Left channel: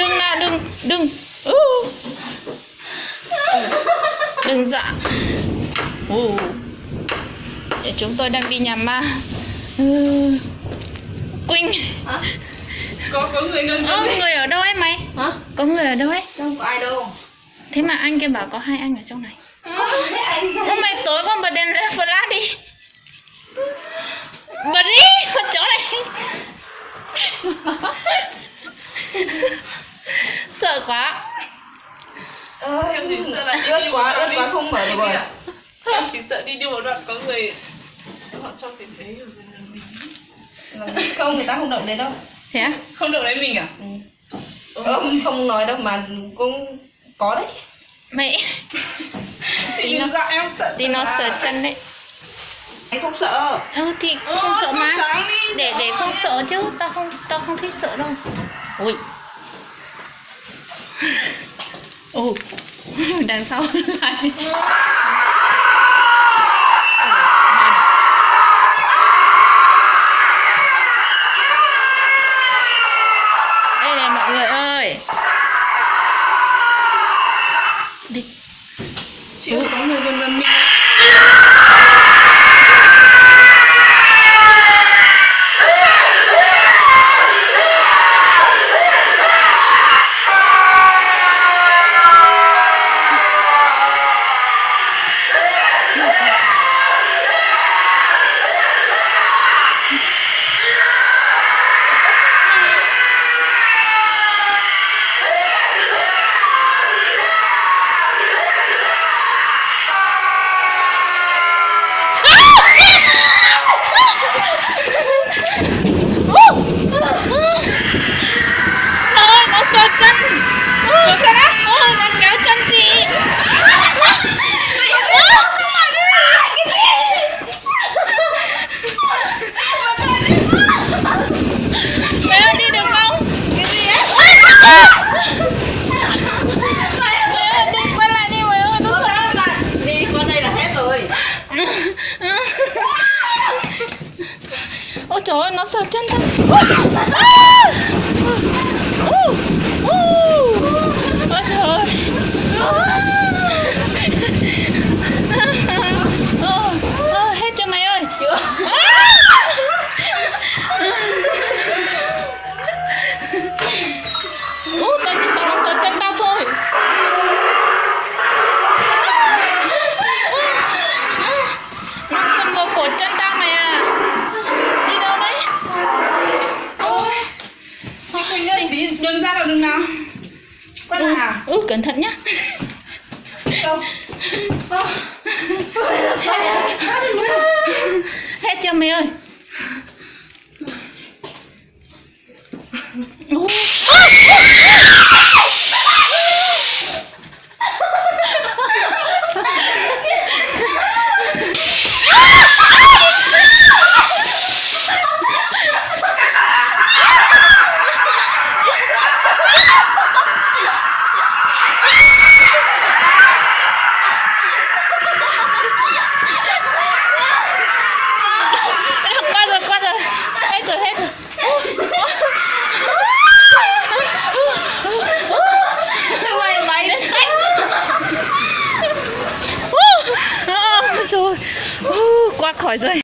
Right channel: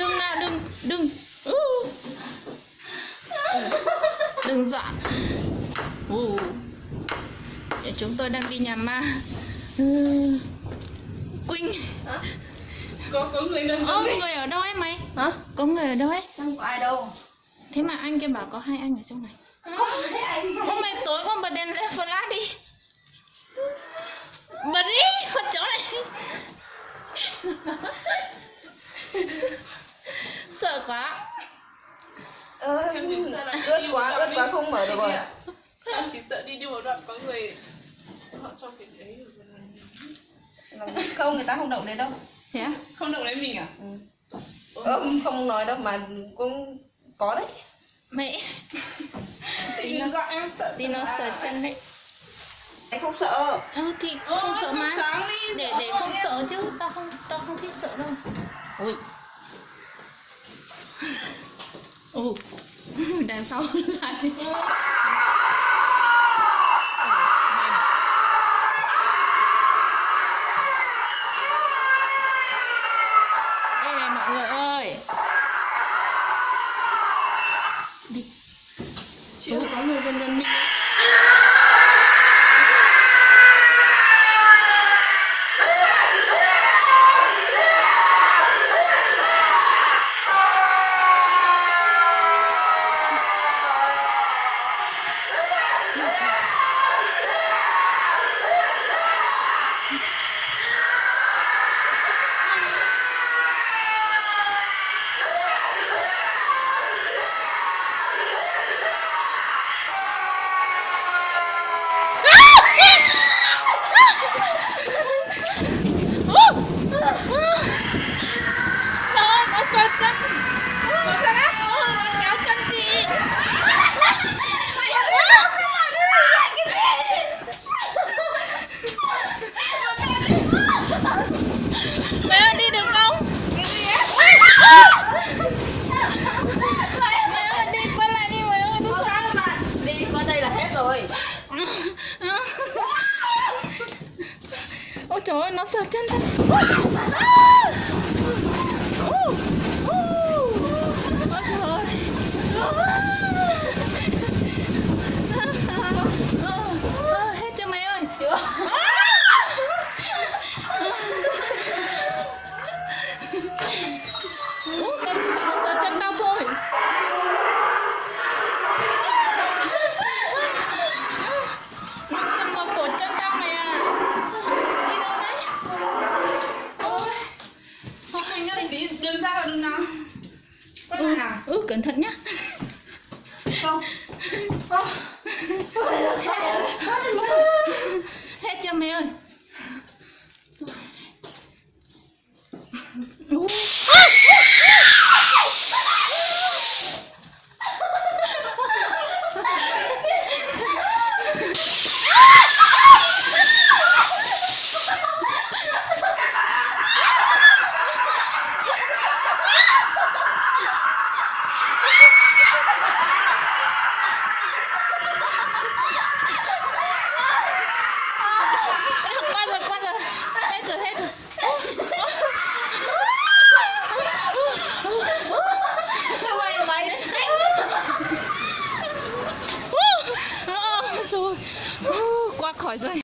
đừng nào, đừng. Đừng dọa. Để chúng tôi đang đi nhà ma. Quỳnh. Có người gần Người ở đâu ấy mày? Hả? Có người ở đâu ấy? Không có ai đâu. Thế mà anh kia bảo có 2 anh ở trong này. Mày tối con bật đèn lên flash đi. Bật đi, con chỗ này. Sợ quá. Em chỉ sợ là ướt quá không mở được rồi. Em chỉ sợ đi một đoạn có người họ cho cái đấy ở gần mình. Không, người ta không động đến đâu. Thế á? Không được lấy mình à? Không nói đâu mà cũng có đấy. Mày Chị đừng dọa em sợ. thì nó sợ chân đấy. Anh không sợ. Thì không sợ mà. Sáng đi. Để không sợ chứ, tao không thích sợ đâu. Ui. Đằng sau lại. Đây này mọi người ơi. Đi. Chị có người gần mình. Nó sờ chân. Nó kéo chân chị. Em đi được không? Đi quay lại đi mày ơi, tôi sợ. Đi qua đây là hết rồi. Ôi trời ơi, nó sờ chân thật. Ôi trời ơi. Hết chưa mày ơi? Chưa. Tao chỉ sợ nó sờ chân tao thôi. Nó cầm vào cổ chân tao mày à. Đi đâu đấy? Ôi. Chị Quỳnh ơi, đi đường ra là đường nào? Quay lại à? Cẩn thận nhá. Không. Hết chưa mày ơi? Qua rồi. Hết rồi. Mày rồi. Qua khỏi rồi.